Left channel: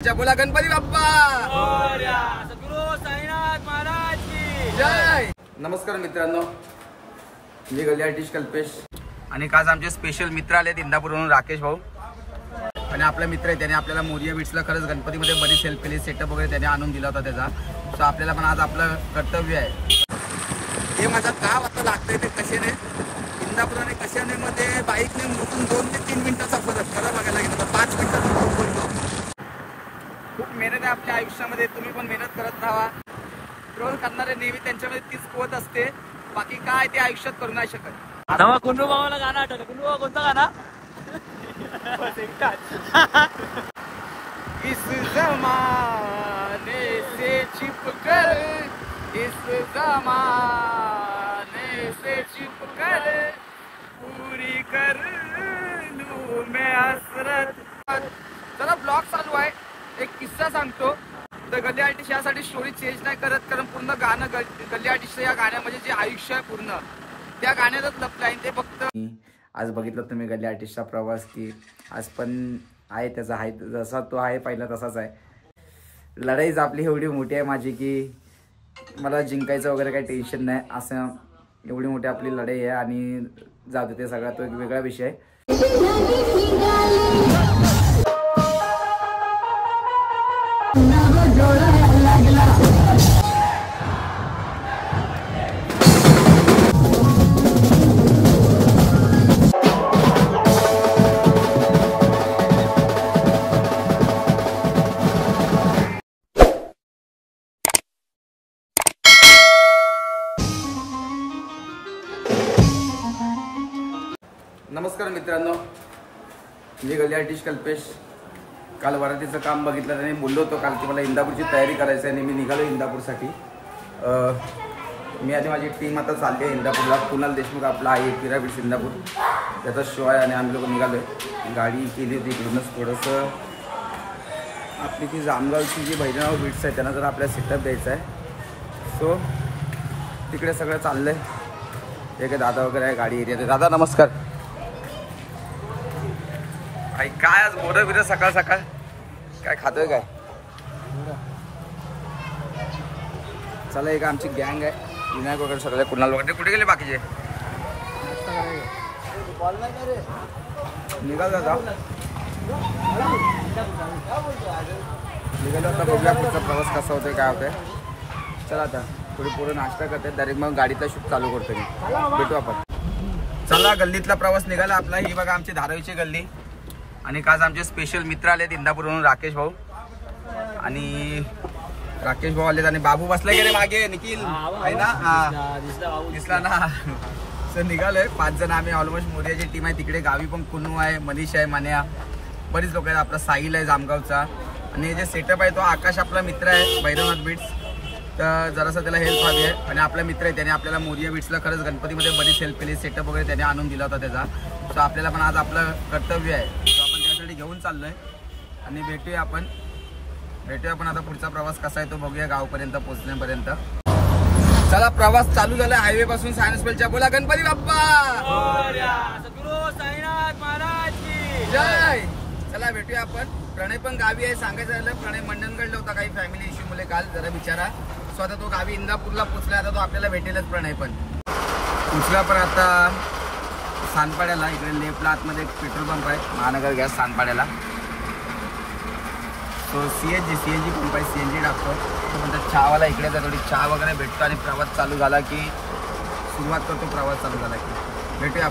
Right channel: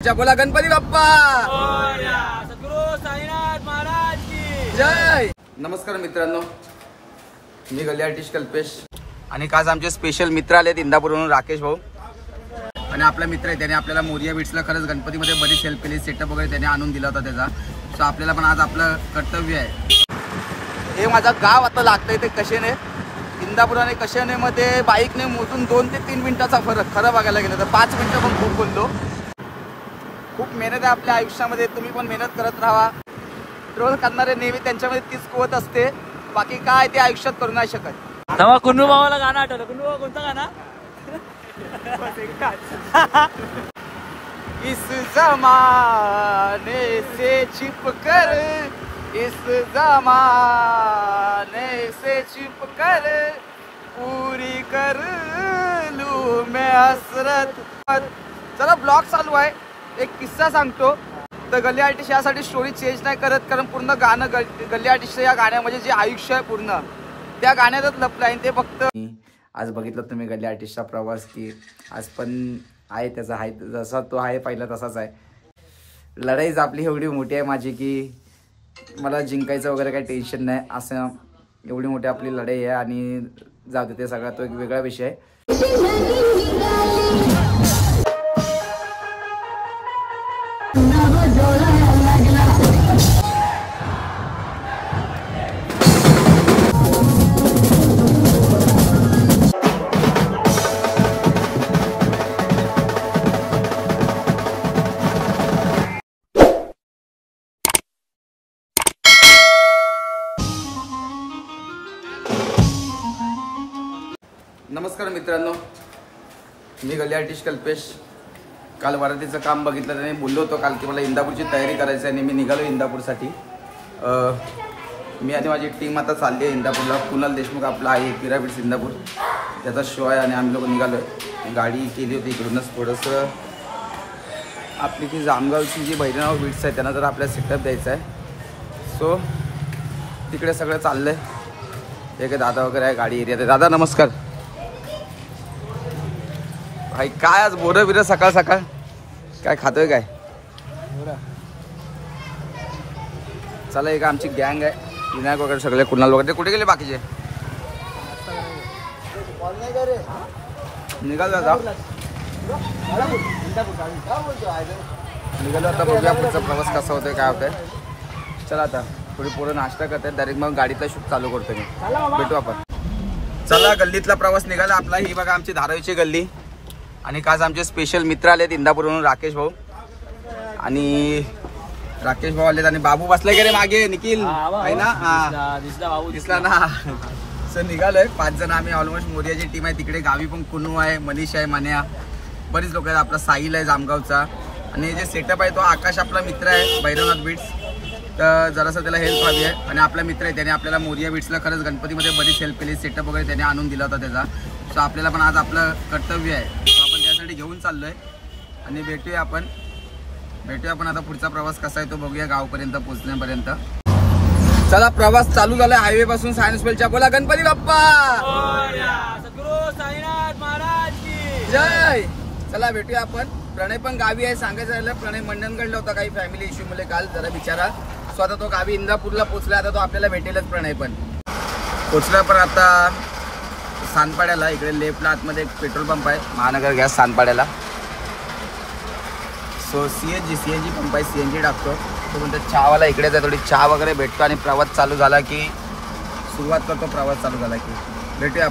बोला गणपती बाप्पा सद्गुरु साईनाथ महाराज की जय। नमस्कार मित्रांनो, मी गल्ली आर्टिस्ट कल्पेश आणि आज आमचे स्पेशल मित्र आले इंदापूरवरून, राकेश भाऊ आणि आपला मित्र आहे त्याने आपल्याला मोरिया बीट्सला खरंच गणपतीमध्ये बरीच हेल्प केली, सेटअप वगैरे त्याने आणून दिला होता त्याचा. सो आपल्याला पण आज आपलं कर्तव्य आहे. हे माझं गाव आता लागतंय ते कशेने, इंदापूर आणि कशेनेमध्ये बाईकने मोजून 2 ते 3 मिनिटाचा फरक. खरं बघायला गेलं तर 5 मिनिटं पण खूप बोलतो. खूप मेहनत आहे आपल्या आयुष्यामध्ये, तुम्ही पण मेहनत करत राहा. ट्रोल करणारे नेहमी त्यांच्यामध्ये तीच कुवत असते, बाकी काय ते आयुष्यात करू नाही शकत. तेव्हा कुन्नू भावाला गाणं आठवलं. कुन्नू भाऊ कोणतं गाणं? इस जमाने से छुप कर, इस जमाने से छुप कर पूरी कर लूं मैं हसरत. चला ब्लॉग चालू आहे. एक किस्सा सांगतो. तर गल्ली आर्टिस्ट यासाठी स्टोरी चेंज नाही करत, कारण पूर्ण गाणं गल्ली आर्टिस्ट या गाण्यामध्ये जे आयुष्य आहे पूर्ण त्या गाण्यातच लपलं आहे. ते फक्त आज बघितलं तुम्ही गल्ली आर्टिस्टचा प्रवास, की आज पण आहे त्याचा, आहे जसा तो आहे पहिला तसाच आहे. लढाईच आपली एवढी मोठी आहे माझी, की मला जिंकायचं वगैरे काही टेन्शन नाही. असं एवढी मोठी आपली लढाई आहे. आणि जाऊ दे, ते सगळा तो एक वेगळा विषय आहे. नमस्कार मित्रांनो, मी गल्ली आर्टिस्ट कल्पेश. काल वरातीचं काम बघितलं त्याने बोललो होतो काल की मला इंदापूरची तयारी करायची आहे आणि मी निघालो इंदापूरसाठी. मी आणि माझी टीम आता चालली आहे इंदापूरला. कुणाल देशमुख आपला आहे पिरामिड्स इंदापूर, त्याचा शो आहे आणि आम्ही लोक निघालो आहे. गाडी केली होती इकडूनच थोडंसं. आपली जी जामगावची जी भैरवनाथ बीट्स आहे त्यांना जर आपल्याला सेटअप द्यायचा आहे. सो तिकडे सगळं चाललं आहे. एक दादा वगैरे आहे गाडी एरियात. दादा नमस्कार. भाई काय आज बोरं बिरं सकाळ सकाळ काय खातोय काय? चला, एक आमची गँग आहे, विनायक वगैरे सगळे, कुणाल वगैरे. कुठे गेले बाकीचे? निघाल दादा, निघालो आता. बघूया पुढचा प्रवास कसा होतोय काय होतंय. चला आता थोडी पोरं नाश्ता करतात, डायरेक्ट मग गाडीतला शूट चालू करतो मी. भेटू आपण. चला, गल्लीतला प्रवास निघाला आपला. ही बघा आमची धारावीची गल्ली आणि आज आमचे स्पेशल मित्र आलेत इंदापूरवरून, राकेश भाऊ. आणि राकेश भाऊ आलेत आणि बाबू बसला गेले मागे. निखिल आहे ना? हा दिसला ना. सर निघालोय 5 जण आम्ही. ऑलमोस्ट मोरियाची टीम आहे तिकडे. गावी पण कुन्नू आहे, मनीष आहे, मान्या, बरीच लोक आहेत. आपला साहिल आहे जामगावचा. आणि जे सेटअप आहे तो आकाश आपला मित्र आहे भैरवनाथ बीट्स. तर जरासं त्याला हेल्प हवी आहे. आणि आपला मित्र आहे त्याने आपल्याला मोरिया बीट्सला खरंच गणपतीमध्ये बरीच हेल्प केली, सेटअप वगैरे त्याने आणून दिला होता त्याचा. सो आपल्याला पण आज आपलं कर्तव्य आहे. सो आपण त्यासाठी घेऊन चाललोय आणि भेटूया आपण आता. पुढचा प्रवास कसा आहे तो बघूया गावपर्यंत पोहोचण्यापर्यंत. चला, प्रवास चालू झाला हायवे पासून सायन्स वेलच्या. बोला गणपती बाप्पा सद्गुरु साईनाथ महाराज की जय. चला भेटूया आपण. प्रणय पण गावी आहे. सांगायचं झालं, प्रणय मंडणगडला होता काही फॅमिली इश्यू मुळे काल, जरा बिचारा. सो आता तो गावी इंदापूरला पोचला. आता तो आपल्याला भेटेलच. प्रणय पण पोचला. पण आता सानपाड्याला इकडे लेफ्टला आतमध्ये एक पेट्रोल पंप आहे, महानगर गॅस सानपाड्याला. सो सीएनजी पंप आहे, सीएनजी टाकतो. तो म्हणतो चहावाला इकडेच आहे, थोडी चहा वगैरे भेटतो आणि प्रवास चालू झाला की सुरुवात करतो. प्रवास चालू झाला की भेटूया.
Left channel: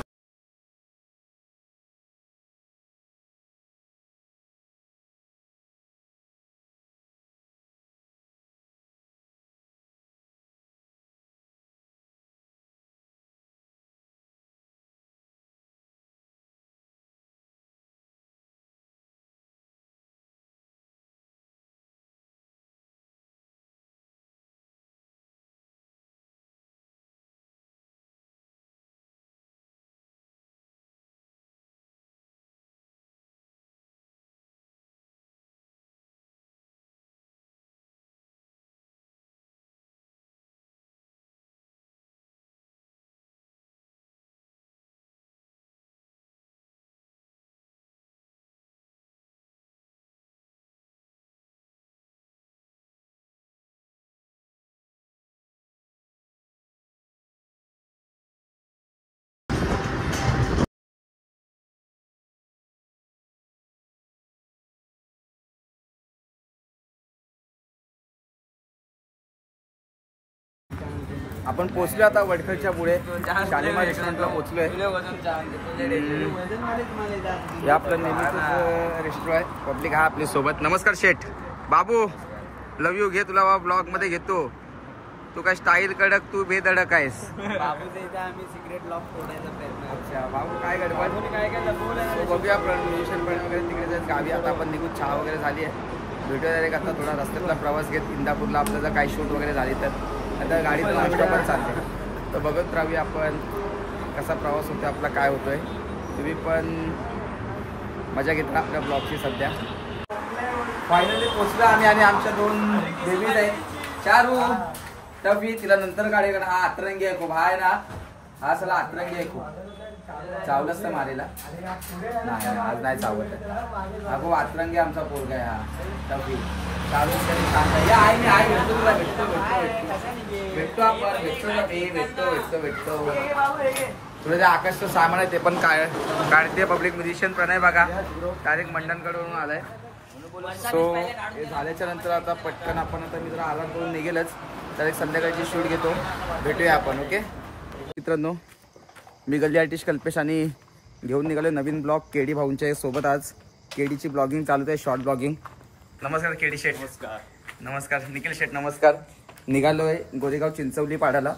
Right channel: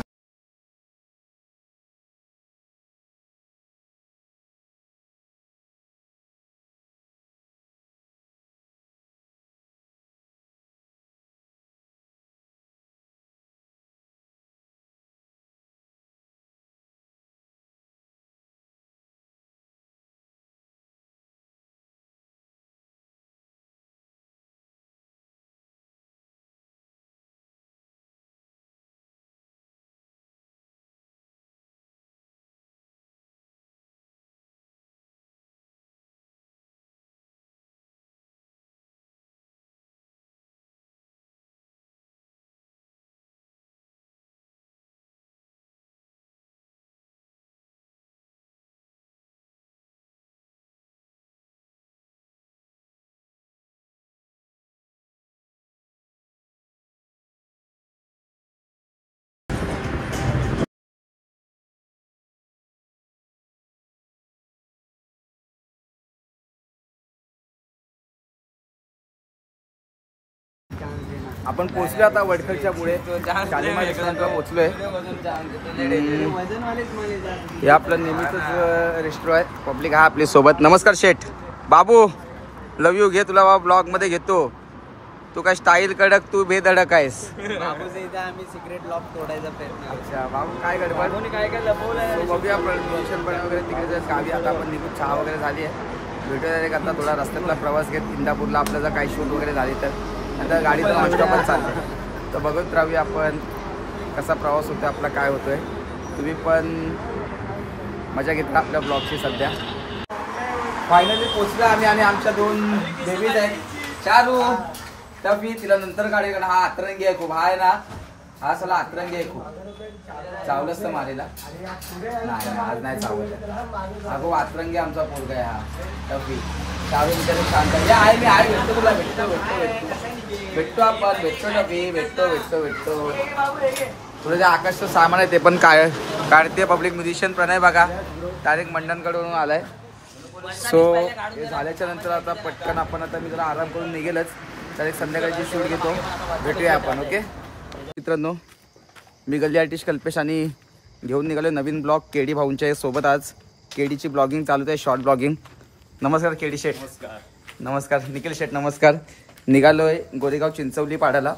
आपण पोहोचलो आता वडखळच्या पुढे शालिमार रेस्टॉरंटला पोहोचलोय. हे आपलं नेहमीच रेस्टॉरंट आहे. पब्लिक हा आपली सोबत. नमस्कार शेठ. बाबू लव यू. घे तुला ब्लॉग मध्ये घेतो. तू काय स्टाईल कडक तू बेधडक आहेस. बाबूच्या इथे आम्ही सिक्रेट लॉक तोडायचा प्रयत्न. अच्छा बाबू काय गडबड. काय काय लपवलं. तो बघूया म्युझिशियन पण वगैरे तिकडे गावी आता आपण निघू. चहा वगैरे झाली आहे. भेटूया डायरेक्ट आता थोडा रस्त्यातला प्रवास घेत इंदापूरला आपलं जर काही शूट वगैरे झाली तर. आता गाडीतून नॉनस्टॉप पण चालते तर बघत राहूया आपण कसा प्रवास होतो आपला काय होतोय. तुम्ही पण मजा घेता आपल्या ब्लॉगची. सध्या फायनली पोचलो आम्ही आणि आमच्या 2 बेबीज आहेत. चारू टफी तिला नंतर गाडीकडे. हा अतरंगी आहे खूप. हा आहे ना हा सला अतरंगी आहे खूप. चावलंच तर मारेला नाही आज नाही चावलं. हा खूप अतरंगी आमचा पोरगा आहे. हा टफी चालून तरी शांत आहे. मी आहे भेटतो तुला. भेटतो आपण. भेटतो टफी. भेटतो तुला जे आकाशचं सामान आहे ते पण काढते. पब्लिक म्युझिशियन प्रणय बघा डायरेक्ट मंडणकडून आलाय. सो हे झाल्याच्या नंतर आता पटकन आपण आता मी जरा आराम करून निघेलच. डायरेक्ट संध्याकाळची शूट घेतो. भेटूया आपण. ओके मित्रांनो मी गल्ली आर्टिस्ट कल्पेश आणि घेऊन निघालो नवीन ब्लॉग केडी भाऊंच्या सोबत. आज केडीची ब्लॉगिंग चालू आहे. Short blogging. नमस्कार केडी शेठ. नमस्कार निखिल शेठ. नमस्कार. निघालोय गोरेगाव चिंचवली पाड्याला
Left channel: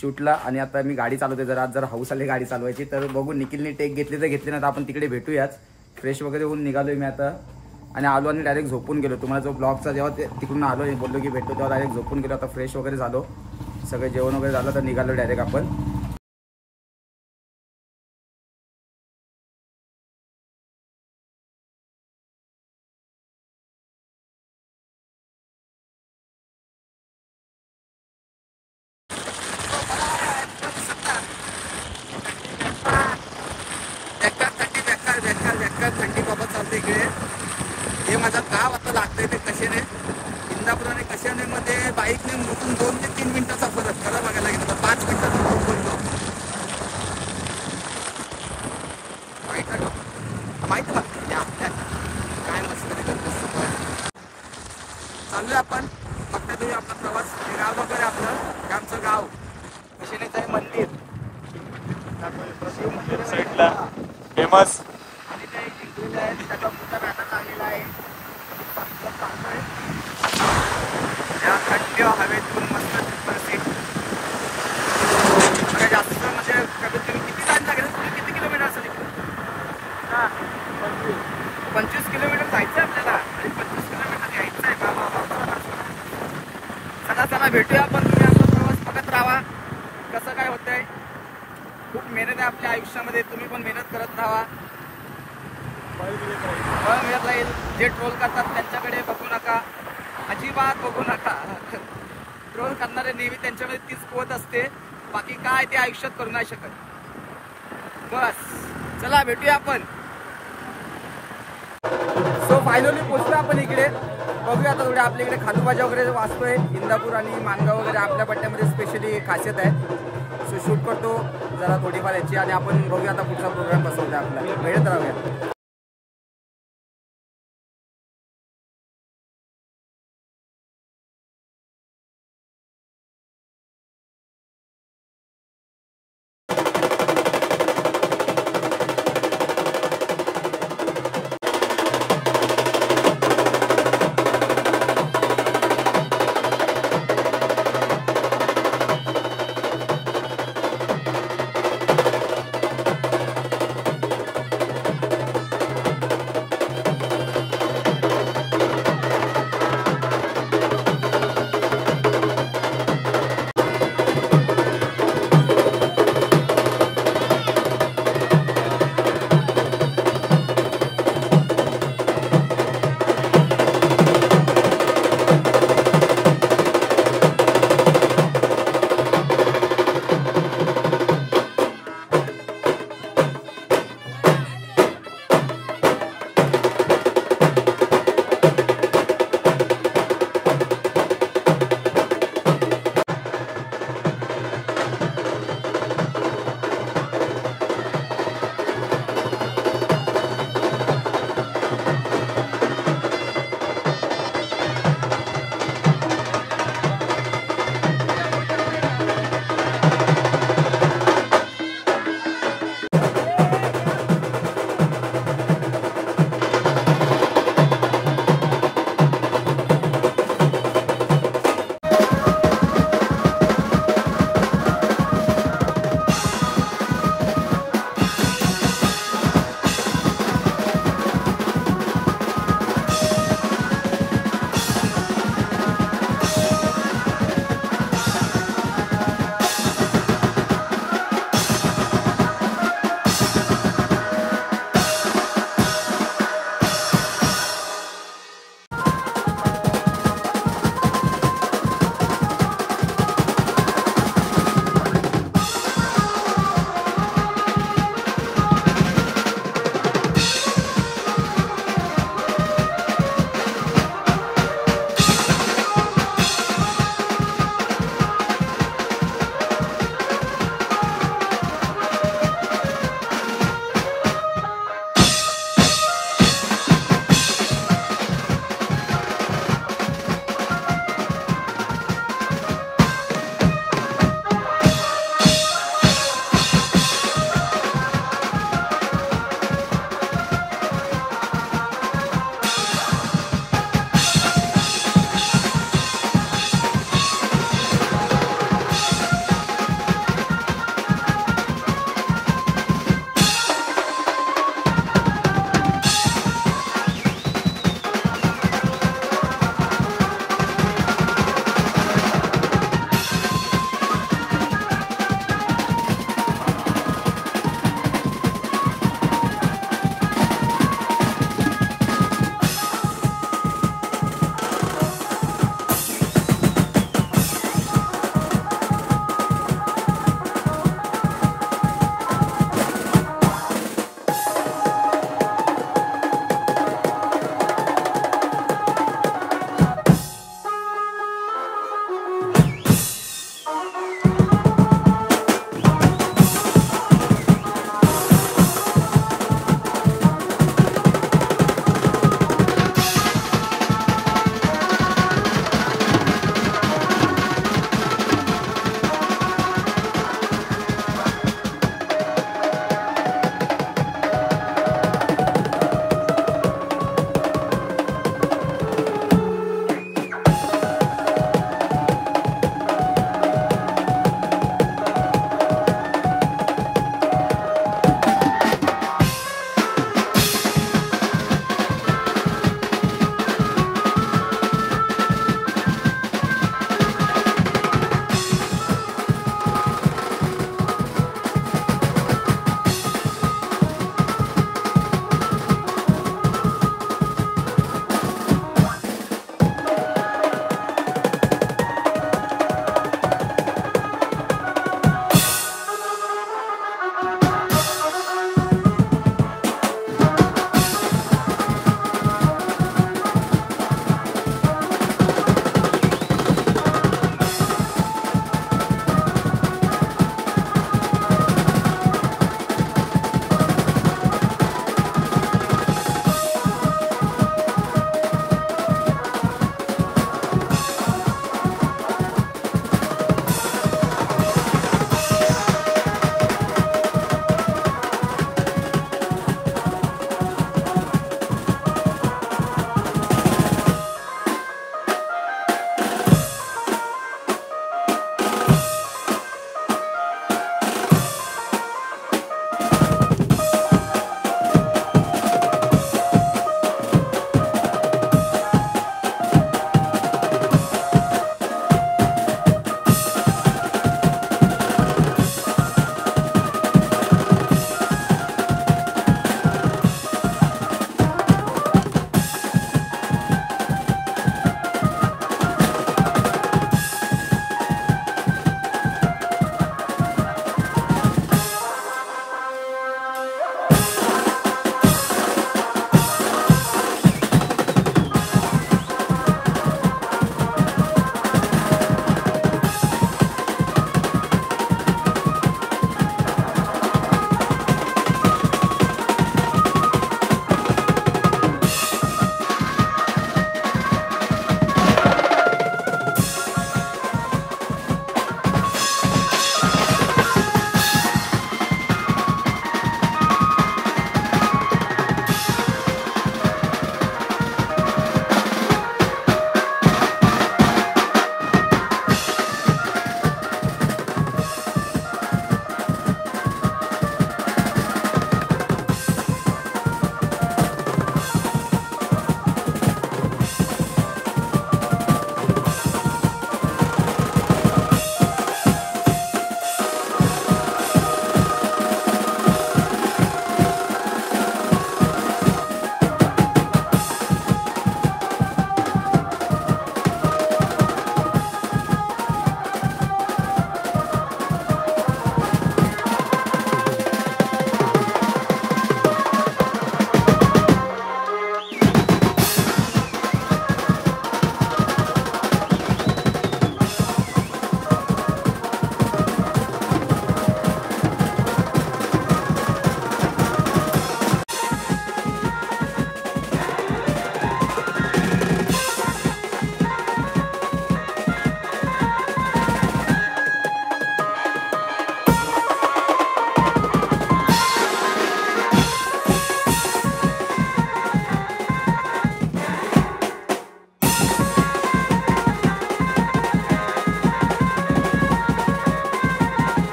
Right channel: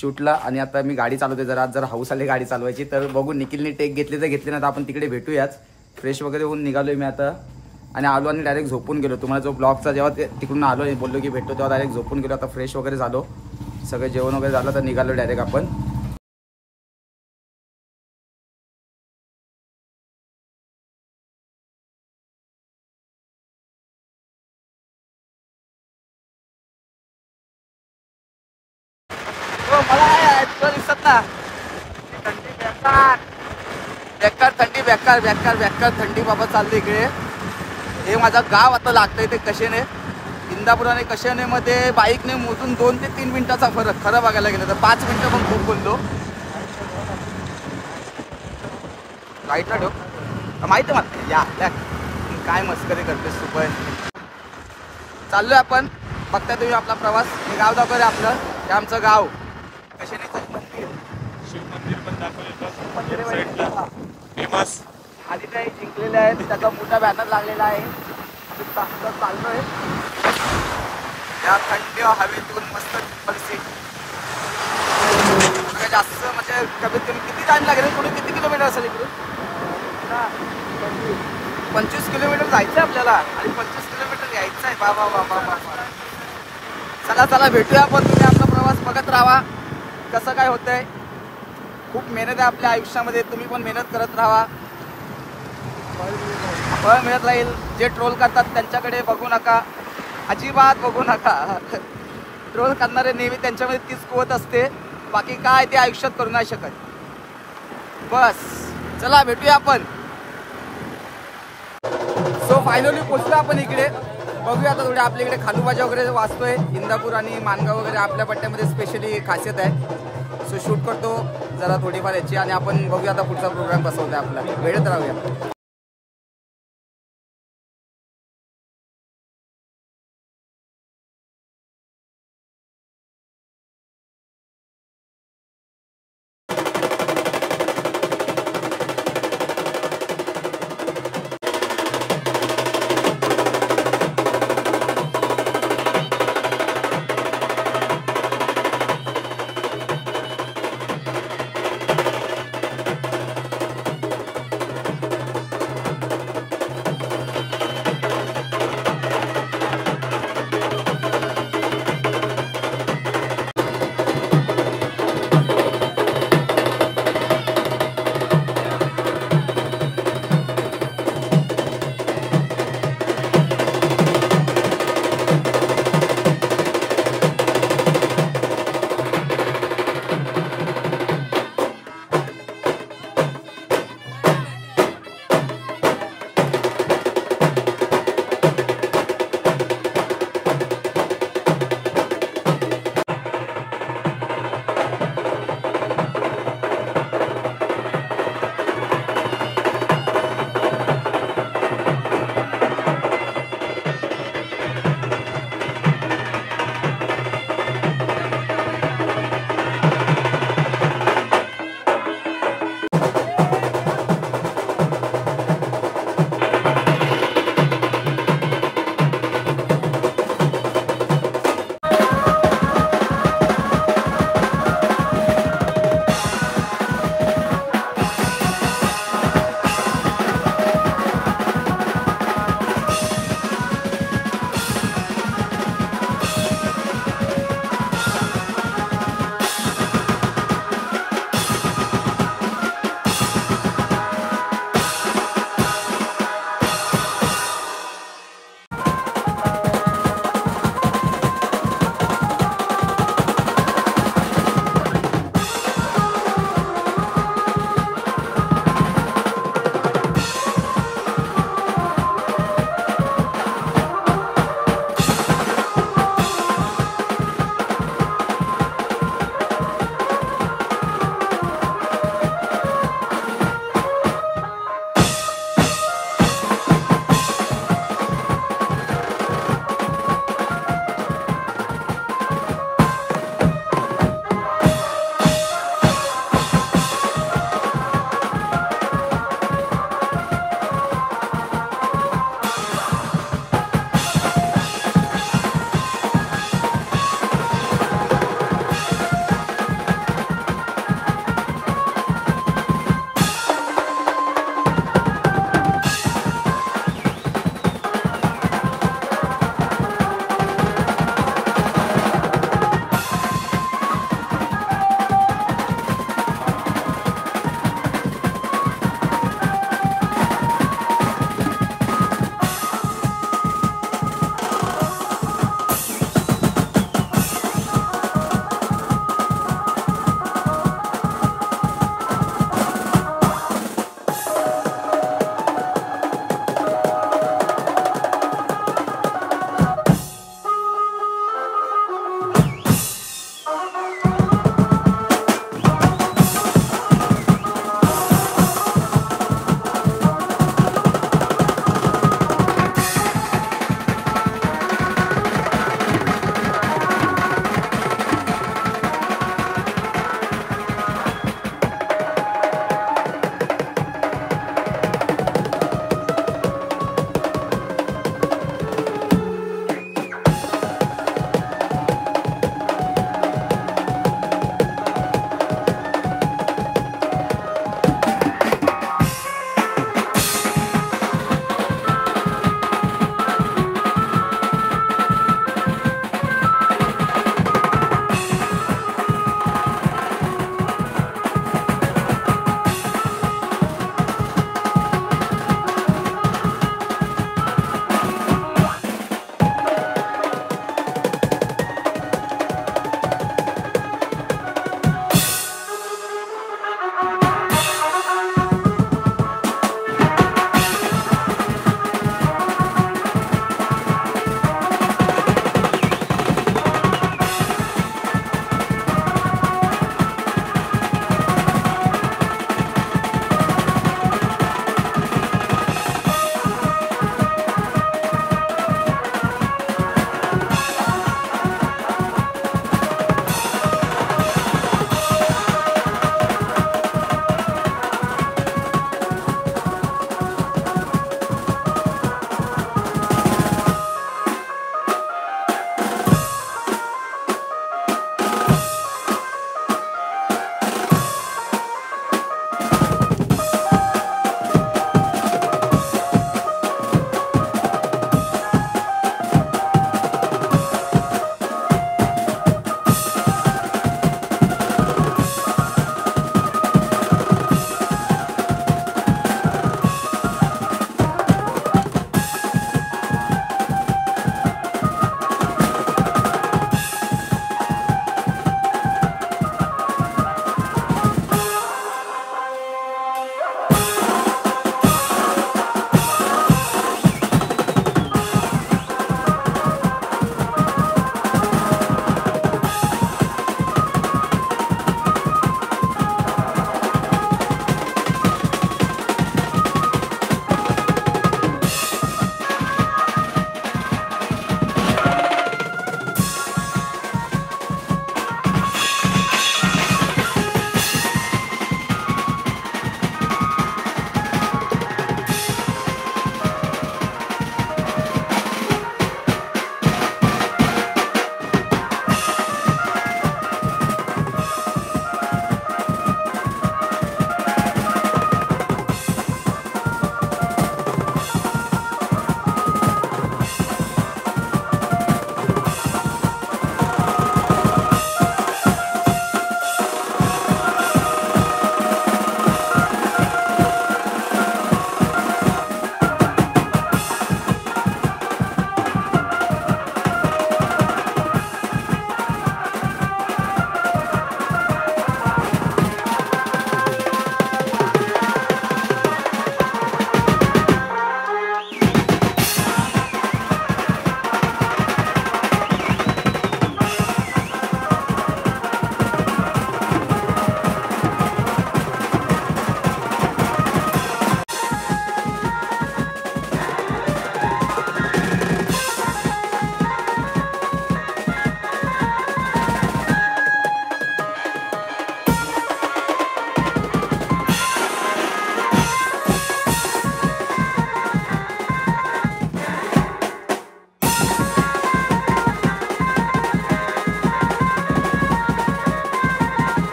शूटला आणि आता मी गाडी चालवते. जरा हाऊस आली गाडी चालवायची तर बघू. निखिलने टेक घेतली तर घेतली ना तर आपण तिकडे भेटूयाच. फ्रेश वगैरे होऊन निघालोय मी आता आणि आलो आणि डायरेक्ट झोपून गेलो. तुम्हाला जो ब्लॉगचा जेव्हा तिकडून आलो आणि बोललो की भेटतो तेव्हा डायरेक्ट झोपून गेलो. आता फ्रेश वगैरे झालो. सगळं जेवण वगैरे झालं तर निघालो डायरेक्ट आपण. मला दिसत ना थंडी बेकार थंडी बाबा चालली इकडे. हे माझं गाव आता लागतंय ते कशेने. इंदापूर आणि कशेने मध्ये बाईकने मोजून 2 ते 3 मिनिटाचा फरक. खरं बघायला गेलं तर 5 मिनिटं पण खूप बोललो. माहित ना माहिती मग या काय मस्करी करतेस तू पण. चाललोय आपण. बघता तुम्ही आपला प्रवास. हे गाव दाखवलं आपलं. हे आमचं गाव. कशेनेचं मंदिर. शिव मंदिर पण दाखवलं. शिव मंदिर फेमस. आधी काही जिंकलेले आहेत. त्याचा मोठा बॅनर लागलेला आहे. चाललोय या थंड हवेतून मस्त ट्रिपल सीट. जास्त म्हणजे कमीत कमी किती टाइम लागेल. थोडं किती किलोमीटर असेल इकडून. 25 किलोमीटर जायचं आपल्याला आणि 25 किलोमीटर यायचं आहे. बाबा चला भेटूया आपण. तुम्ही आपला प्रवास बघत राहा कसं काय होतंय. खूप मेहनत आहे आपल्या आयुष्यामध्ये. तुम्ही पण मेहनत करत राहा. फळ मिळत राहील. जे ट्रोल करतात त्यांच्याकडे बघू नका. अजिबात बघू नका. ट्रोल करणारे नेहमी त्यांच्यामध्ये तीच कुवत असते. बाकी काय ते आयुष्यात करू नाही शकत. बस चला भेटूया आपण. सो फायनली पोचलो आपण इकडे. बघूया आता थोडे आपल्या इकडे खालूबाजा वगैरे वाचतोय. इंदापूर आणि मानगाव वगैरे आपल्या पट्ट्यामध्ये स्पेशली खासियत आहे. सो शूट करतो जरा थोडीफार याची आणि आपण बघूया आता पुढचा प्रोग्राम कसा होता आपला. भेटत राहूया.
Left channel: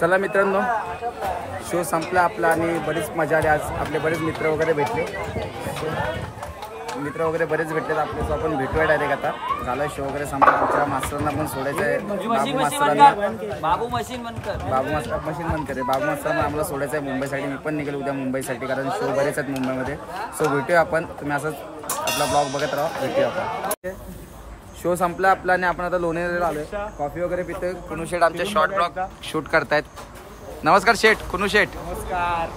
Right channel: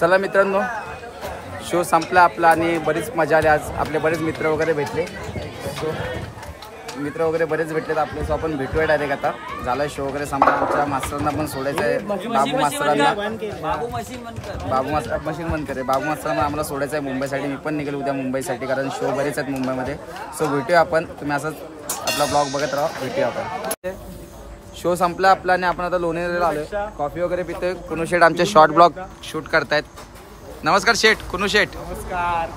चला मित्रांनो, शो संपला आपला आणि बरीच मजा आली. आज आपले बरेच मित्र वगैरे भेटले. मित्र वगैरे बरेच भेटलेत आपले. सो आपण भेटूया डायरेक्ट. आता झाला शो वगैरे संपला. आमच्या मास्तरांना पण सोडायचं आहे. बाबू मास्तरांना, बाबू मास्तर मशीन बंद करे. बाबू मास्तरांना आम्हाला सोडायचं आहे मुंबईसाठी. मी पण निघेल उद्या मुंबईसाठी, कारण शो बरेच आहेत मुंबईमध्ये. सो भेटूया आपण. तुम्ही असंच आपला ब्लॉग बघत राहा. भेटूया आपण. शो संपला आपला आणि आपण आता लोणेरेला आलोय. कॉफी वगैरे पितोय. कुनू शेठ आमचे शॉर्ट ब्लॉग शूट करतायत. नमस्कार शेठ. कुनू शेठ नमस्कार.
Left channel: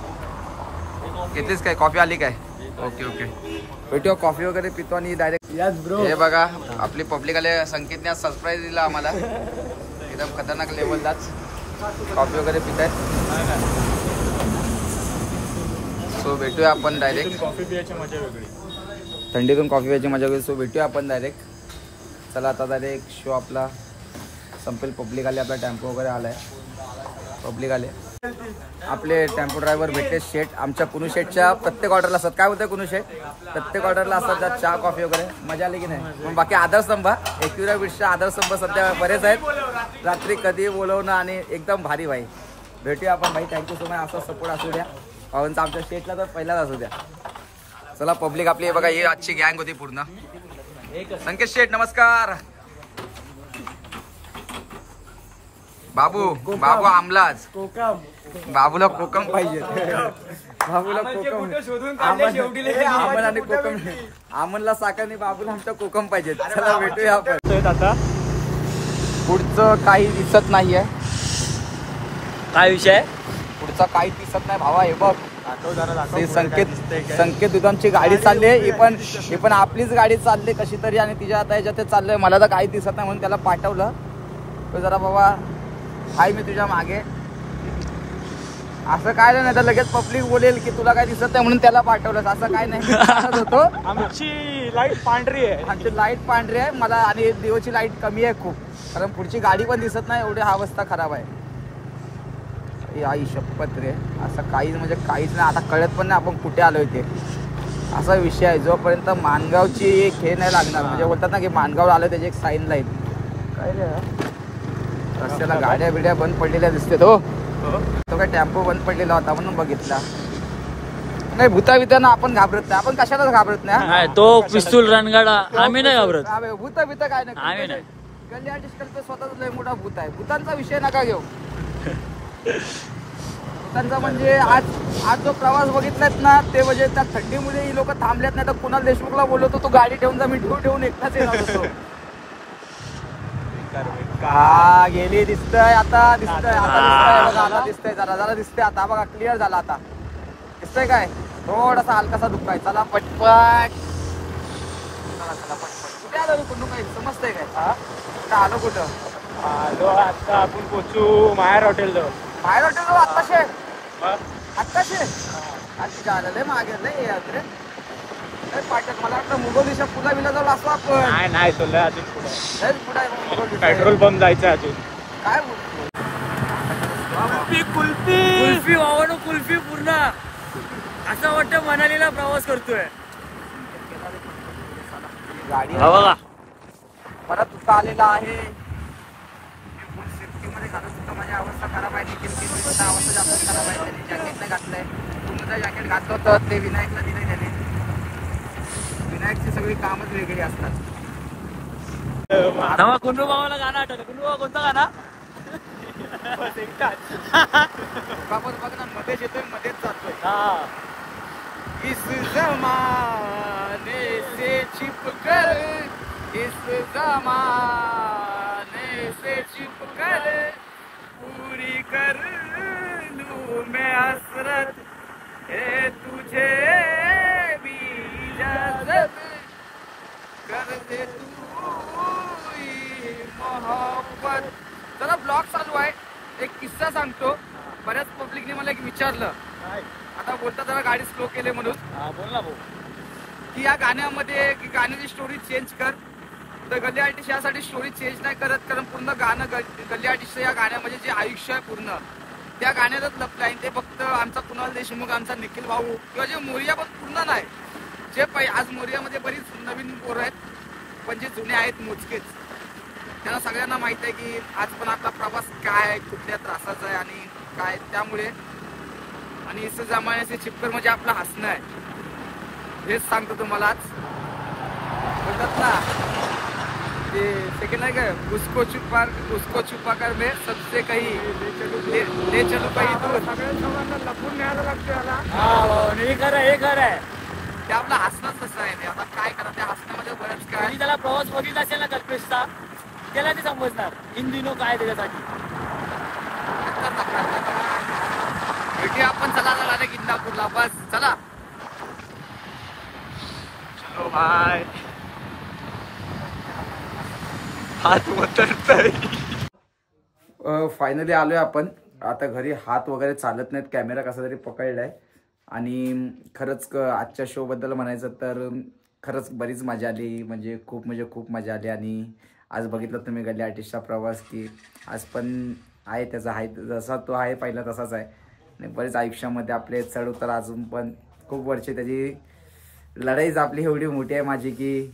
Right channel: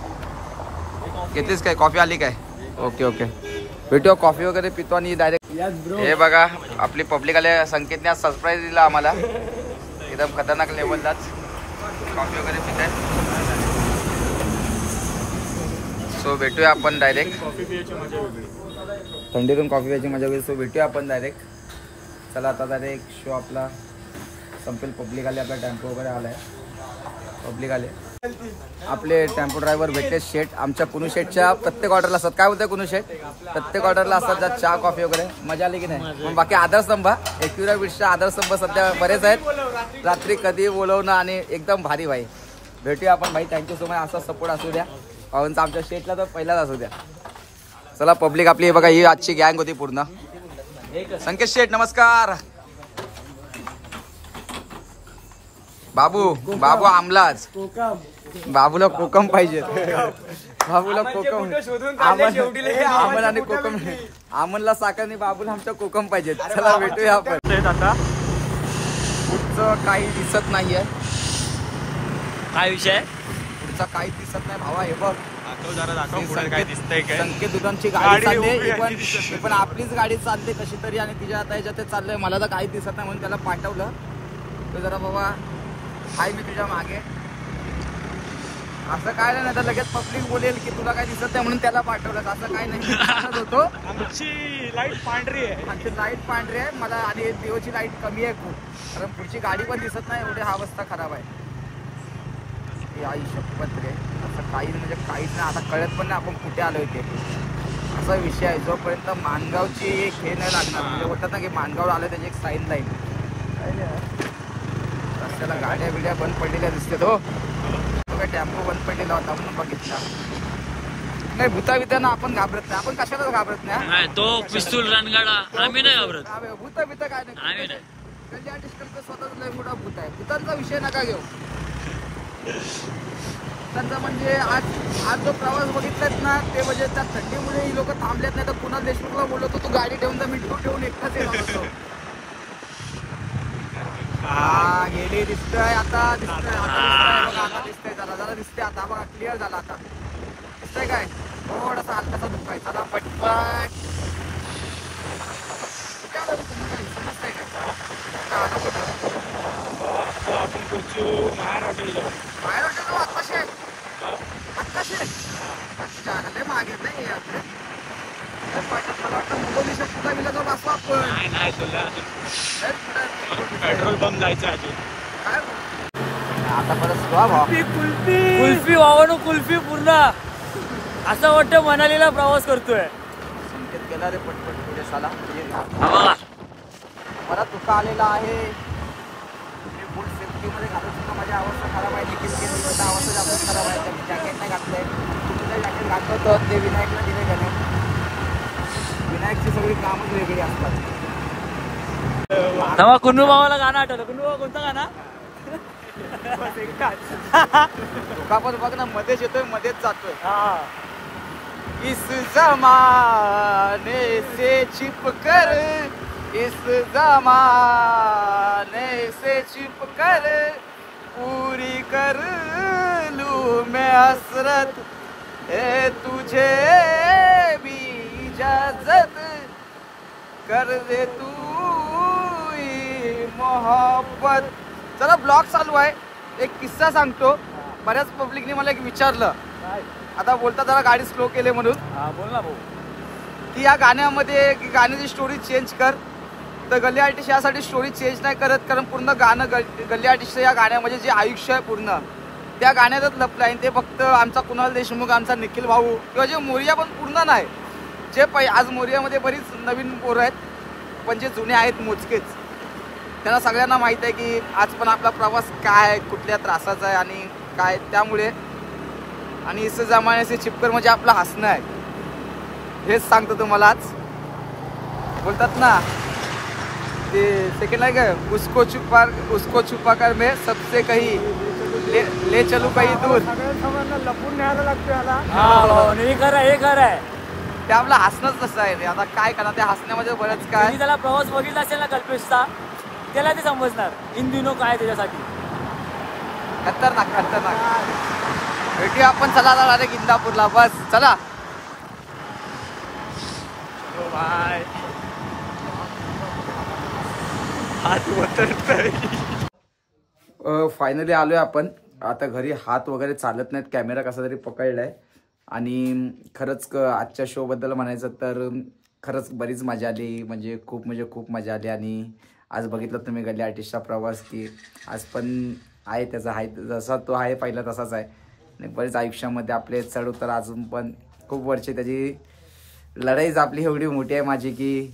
घेतलीस काय? कॉफी आली काय? Okay okay. भेटूया. कॉफी वगैरे पितो आणि डायरेक्ट. हे बघा आपली पब्लिक आले. संकेतने आज सरप्राईज दिला आम्हाला एकदम खतरनाक लेवललाच. कॉफी वगैरे पिताय. सो भेटूया आपण डायरेक्ट. थंडीतून कॉफी प्यायची मजा होईल. सो भेटूया आपण डायरेक्ट. चला आता डायरेक्ट शो आपला संपेल. पब्लिक आले. आपला टेम्पो वगैरे आलाय. पब्लिक आले. आपले टेम्पो ड्रायव्हर भेटले शेठ. आमच्या कुनू शेठच्या प्रत्येक ऑर्डरला असतात. काय बोलतंय कुनू शेठ? प्रत्येक ऑर्डरला असतात त्यात चहा कॉफी वगैरे. मजा आली की नाही? मग बाकी आधारस्तंभ, एकविरा बीचच्या आधारस्तंभ सध्या बरेच आहेत. रात्री कधी बोलवणं आणि एकदम भारी भाई. भेटूया आपण भाई. Thank you so much. असा सपोर्ट असू द्या भावांचा आमच्या शेठला तर पहिलाच असू द्या. चला पब्लिक आपली बघा. ही आजची गँग होती पूर्ण. संकेत शेठ नमस्कार. बाबू बाबू आमलाच. बाबूला कोकम पाहिजे. बाबूला कोकम. आमन आणि कोकम. आमनला साखर आणि बाबूला आमच्या कोकम पाहिजे. चला भेटूया आपण. आता पुढचं काही दिसत नाहीये. काय विषय? पुढचा काही दिसत नाही भावा. हे बघ संकेत संकेत दुकानची गाडी चालली. ही पण आपलीच गाडी चालली कशी तरी आणि तिच्या आता ह्याच्यात चाललंय. मला तर काही दिसत नाही म्हणून त्याला पाठवलं. तो जरा बाबा काही मी तुझ्या मागे असं काय नाही तर लगेच पब्लिक बोलेल की तुला काय दिसत नाही म्हणून त्याला पाठवलं. असं काय नाही होतो. आमची लाईट पांढरी आहे. आमची लाईट पांढरी आहे मला आणि दिवची लाईट कमी आहे खूप. कारण पुढची गाडी पण दिसत नाही. एवढी हा अवस्था खराब आहे. आई शपथ रे. असं काही म्हणजे काहीच नाही. आता कळत पण नाही आपण कुठे आलोय ते. असा विषय आहे. जोपर्यंत मानगावची एक हे नाही लागणार म्हणजे होतात ना की मानगाव आलं त्याची एक साईन लाईन. रस्त्याला गाड्या बिड्या बंद पडलेल्या दिसते. तो काय टेम्पो बंद पडलेला होता म्हणून बघितला. नाही भूता बिताना आपण घाबरत नाही. आपण कशालाच घाबरत नाही. तो पिस्तूल रणगाडा आम्ही नाही घाबरत. भूता बिता काय नाही. आम्ही नाही. गल्ली आर्टिस्ट करतो स्वतःच लय मोठा भूत आहे. भूतांचा विषय नका घेऊ. त्यांचा म्हणजे आज जो प्रवास बघितलात ना ते म्हणजे त्या थंडीमध्ये ही लोक थांबल्यात नाही तर कुणाल देशमुखला बोलवतो तो गाडी ठेवून जा मी ठेवून एकटाच येणार होतो. हा गेली दिसतंय आता. दिसतंय आता. दिसतंय जरा जरा दिसतंय आता. बघा क्लिअर झाला आता. दिसतंय काय? थोडासा हलकासा दुखाय. चला पटपट. कुठे आलो रे कुठून काही समजतंय काय? आलो कुठं? आता आपण पोचू माहेर हॉटेल जवळ. बाहेर हॉटेल आत्ताशे आत्ताशे अच्छा लय मागे लय यात्रे. मला वाटतं मुगोलीच्या पुला बिला जाऊ असो आपण. नाही तो लय अजून पुढे पेट्रोल पंप जायचं अजून. काय कुल्फी वावणू कुल्फी पूर्ण असं वाटतं मनालीला प्रवास करतोय. गाडी बरा तुका आलेला आहे. फुल सेफ्टीमध्ये घालत सुद्धा माझी अवस्था खराब आहे. निखिल केंद्रीचा अवस्था जास्त खराब आहे. त्यांनी जॅकेट नाही घातलंय. तुमचं जॅकेट घातलं होतं ते विनायकला दिले त्याने. विनायकची सगळी कामच वेगळी असतात. तेव्हा कुंडू भावाला गाणं आठवलं. कुंडू भाऊ कोणतं गाणं? आपण बघ ना मध्येच येतोय मध्येच जातोय. इस जमाने से छिप कर इस जमाने से छिप कर पूरी कर लूं मैं हसरत है तुझे भी इजाजत कर दे तू मोहब्बत. चला ब्लॉग चालू आहे. एक किस्सा सांगतो. बऱ्याच पब्लिकने मला एक विचारलं आता बोलता जरा गाडी स्लो केले म्हणून. बोल ना भाऊ. की या गाण्यामध्ये गाण्याची स्टोरी चेंज कर. तर गल्ली आर्टिस्ट यासाठी स्टोरी चेंज नाही करत कारण पूर्ण गाणं गल्ली आर्टिस्ट या गाण्यामध्ये जे आयुष्य आहे पूर्ण त्या गाण्यातच लपलं आहे. ते फक्त आमचा कुणाल देशमुख आमचा निखिल भाऊ किंवा जे मोरिया पण पूर्ण नाही. जे आज मोरियामध्ये बरीच नवीन पोरं आहेत पण जे जुने आहेत मोजकेच. त्यांना सगळ्यांना माहित आहे की आज पण आपला प्रवास काय कुठल्या त्रासाचा आहे आणि काय त्यामुळे आणि इस जमाने से चिपकर म्हणजे आपलं हसणं आहे हेच सांगतो तुम्हाला आज बोलतात ना ते सेकंड आहे का उसको छुपा कर मैं सबसे कहीं ले चलू काही दूर लपून न्यायला लागते हे खरं आहे ते आपलं हसणंच तसं आहे रे आता काय करणार त्या हसण्यामध्ये बरंच काय त्याला प्रवास बघितला असेल ना कल्पेशचा त्याला ते समजणार हिंदीनो काय त्याच्यासाठी खतरनाक भेटूया आपण चला डायरेक्ट इंदापूरला बस चला फायनली आलोय आपण आता घरी हात वगैरे चालत नाहीत कॅमेरा कसा तरी पकडलाय आणि खरंच आजच्या शो बद्दल म्हणायचं तर खरंच बरीच मजा आली म्हणजे खूप मजा आली आणि आज बघितलं तुम्ही गल्ली आर्टिस्टचा प्रवास की आज पण आहे त्याचा आहे जसा तो आहे पहिला तसाच आहे आणि बरेच आयुष्यामध्ये आपले चढ उतार अजून पण खूप वर्षे त्याची लढाईच आपली एवढी मोठी आहे माझी की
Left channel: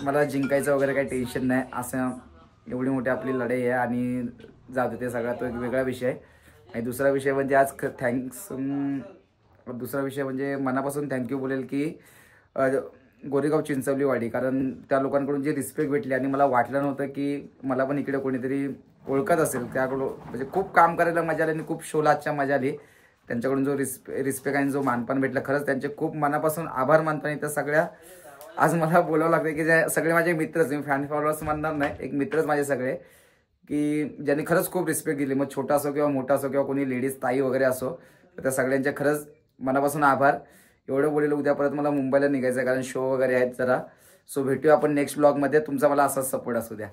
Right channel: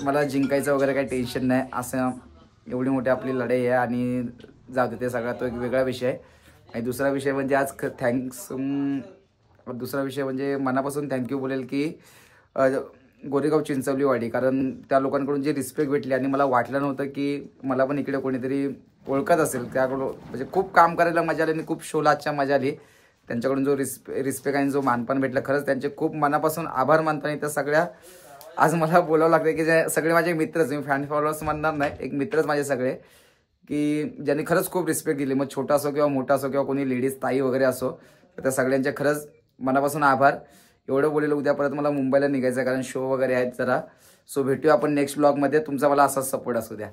मला जिंकायचं वगैरे काही टेन्शन नाही असं एवढी मोठी आपली लढाई आहे आणि जाऊ दे ते सगळा तो एक वेगळा विषय आहे आणि दुसरा विषय म्हणजे आज दुसरा विषय म्हणजे मनापासून थँक्यू बोलेल की गोरेगाव चिंचवलीवाडी कारण त्या लोकांकडून जी रिस्पेक्ट भेटली आणि मला वाटलं नव्हतं की मला पण इकडे कोणीतरी ओळखत असेल त्याकडून म्हणजे खूप काम करायला मजा आली आणि खूप शोला आजच्या मजा आली त्यांच्याकडून जो रिस्पेक्ट आणि जो मानपान भेटला खरंच त्यांचे खूप मनापासून आभार मानतो आणि त्या सगळ्या आज मला बोलावं लागतं की जे सगळे माझे मित्रच मी फॅन फॉलोअर्स म्हणणार नाही एक मित्रच माझे सगळे की ज्यांनी खरंच खूप रिस्पेक्ट दिली मग छोटा असो किंवा मोठा असो किंवा कोणी लेडीज ताई वगैरे असो तर त्या सगळ्यांचे खरंच मनापासून आभार एवढं बोलेल उद्या परत मला मुंबईला निघायचं आहे कारण शो वगैरे आहेत जरा सो भेटूया आपण नेक्स्ट ब्लॉगमध्ये तुमचा मला असाच सपोर्ट असू द्या